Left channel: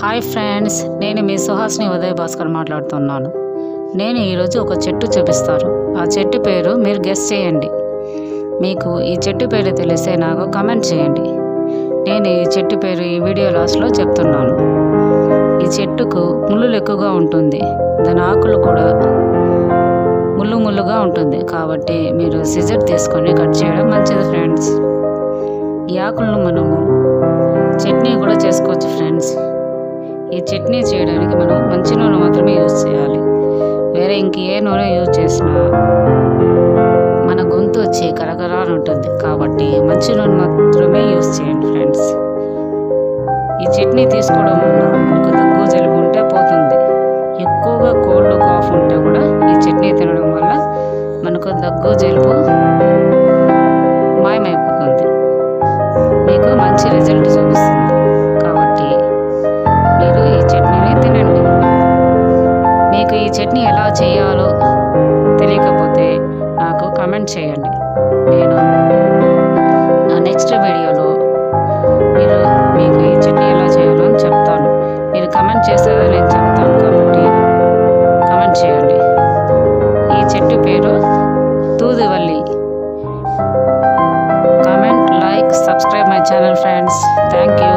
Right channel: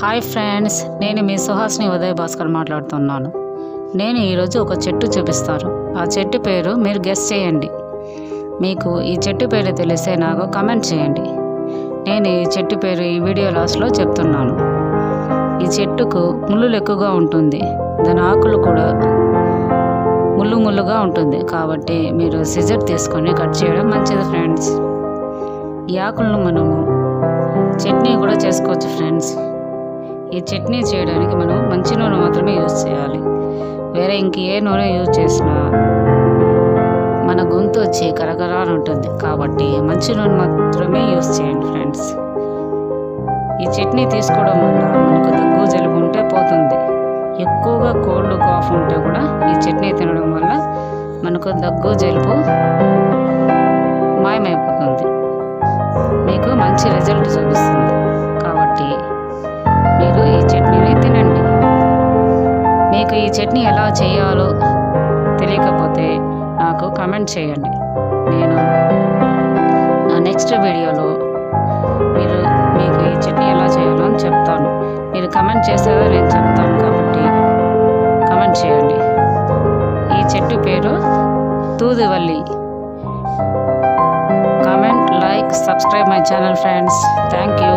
Hi friends, నేను మీ సుహాస్ని ఉదయ్ భాస్కర్ మాట్లాడుతున్నాను. నేను ఈరోజు ఒక చెట్టు చూపిస్తాను. ఆ చెట్టు పేరు మీరు గెస్ చేయండి. మీకు ఈ చెట్టు పేరు తెలిస్తే నాకు కమెంట్ చేయండి. నేను ఈ చెట్టు పేరు ఈ వీడియో లాస్ట్లో చెప్తున్నాను. ఈ చెట్టుకు ముళ్ళులు ఎక్కువగా ఉంటుంది. దాని ఆకులు కూడా ముళ్ళుగా ఉంటుంది. కాబట్టి మీరు సిజర్ తీసుకొని కట్ చేయడం మంచిది ఫ్రెండ్స్. ఈ ఆకులను మనము చట్నీ కూడా చేసుకోవచ్చు ఫ్రెండ్స్. ఈ చట్నీ చేయడానికి మనం మంచి నూనె మాత్రమే యూజ్ చేయాలి. వేరే ఇంక ఏ నూనె యూజ్ చేసినా మన గొంతు వచ్చి కరకరా అని ఉంటుంది. కాబట్టి మంచి నూనె మాత్రమే యూజ్ చేయండి ఫ్రెండ్స్. ఈ చట్నీ తీసుకోవడం వల్ల మనకు దగ్గు జలుబు ఉంటే పోతుంది. ఎక్కువగా కోల్డ్ కాఫ్ ఉంటే కూడా ఈ చట్నీ తినడం వల్ల మనకు దగ్గు జలుబు మాయమైపోతుంది. మీకు మంచి రిజల్ట్ చూపిస్తుంది. కాబట్టి మీరు ఈ చట్నీని తినండి. మీకు ఈ చట్నీ ఎలా చేయాలో తెలియకపోతే నాకు కమెంట్ చేయండి. నేను నా నెక్స్ట్ వీడియోలో మీకు ఈ చట్నీ ఎలా చేయాలో అని చెప్తాను. మీరు కమెంట్ చేసేదో నేను చెప్తాను. కాబట్టి కమెంట్ చేయండి. ఈ చెట్టు పేరు తూదువల్లి. Comment, like, subscribe my channel friends. Thank you.